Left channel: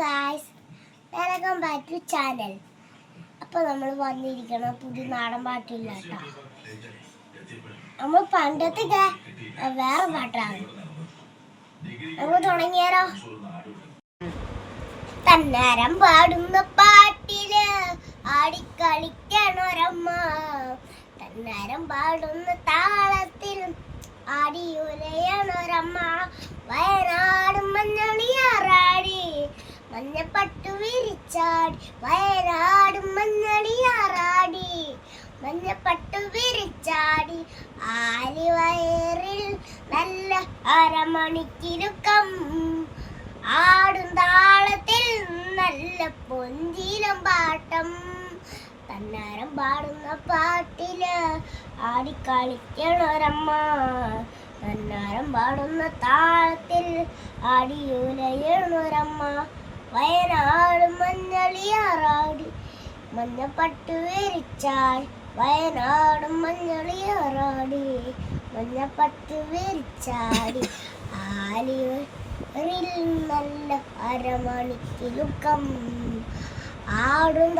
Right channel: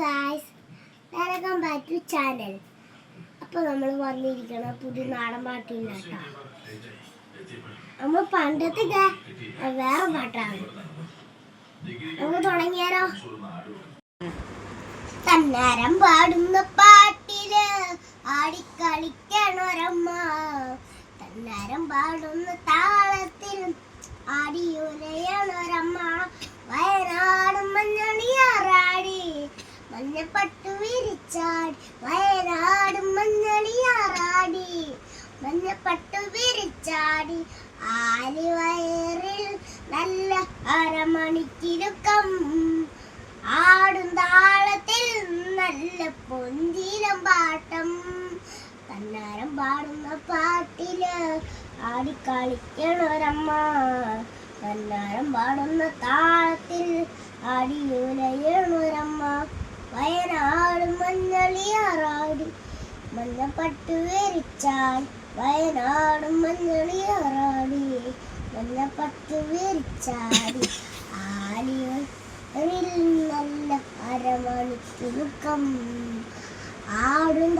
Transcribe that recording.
Guys, welcome back to channel. അപ്പോൾ നമ്മൾ വന്നിരിക്കണം പുതിയ നാടൻ പാട്ടില്ല കേട്ടോ. നമ്മൾ പണ്ടത്തെ വേറെ പാട്ടാണ്. നമ്മൾ തുടങ്ങിയാലോ? തന്നാരം പാടുന്ന പാട്ടില് ആടിക്കളിക്കണൊരമ്മ, തന്നാരം പാടുന്ന താളത്തിൽ ആടിയുലയണൊരമ്മ. വയനാടും മഞ്ഞളിയാറാടി മഞ്ഞപ്പട്ടു വിരിച്ചാടി, വയനാടും മഞ്ഞളിയാറാടി മഞ്ഞപ്പട്ടു വിരിച്ചാടി. ആലിവയറിൽ നല്ല അരമണിക്കിരുക്കം, ആടും താളത്തിൽ നല്ല പൊഞ്ചിലം പാട്ടം. തന്നാരം പാടുന്ന പാട്ടില് ആടിക്കളിക്കണൊരമ്മ, തന്നാരം പാടുന്ന താളത്തിൽ ആടിയുലയണൊരമ്മ. വയനാടും മഞ്ഞളിയാറാടി മഞ്ഞപ്പട്ടു വിരിച്ചാടി, വയനാടും മഞ്ഞളിയാറാടി മഞ്ഞപ്പട്ടു വിരിച്ചാടി. ആലിവയറിൽ നല്ല അരമണിക്കിലുക്കം, ആടും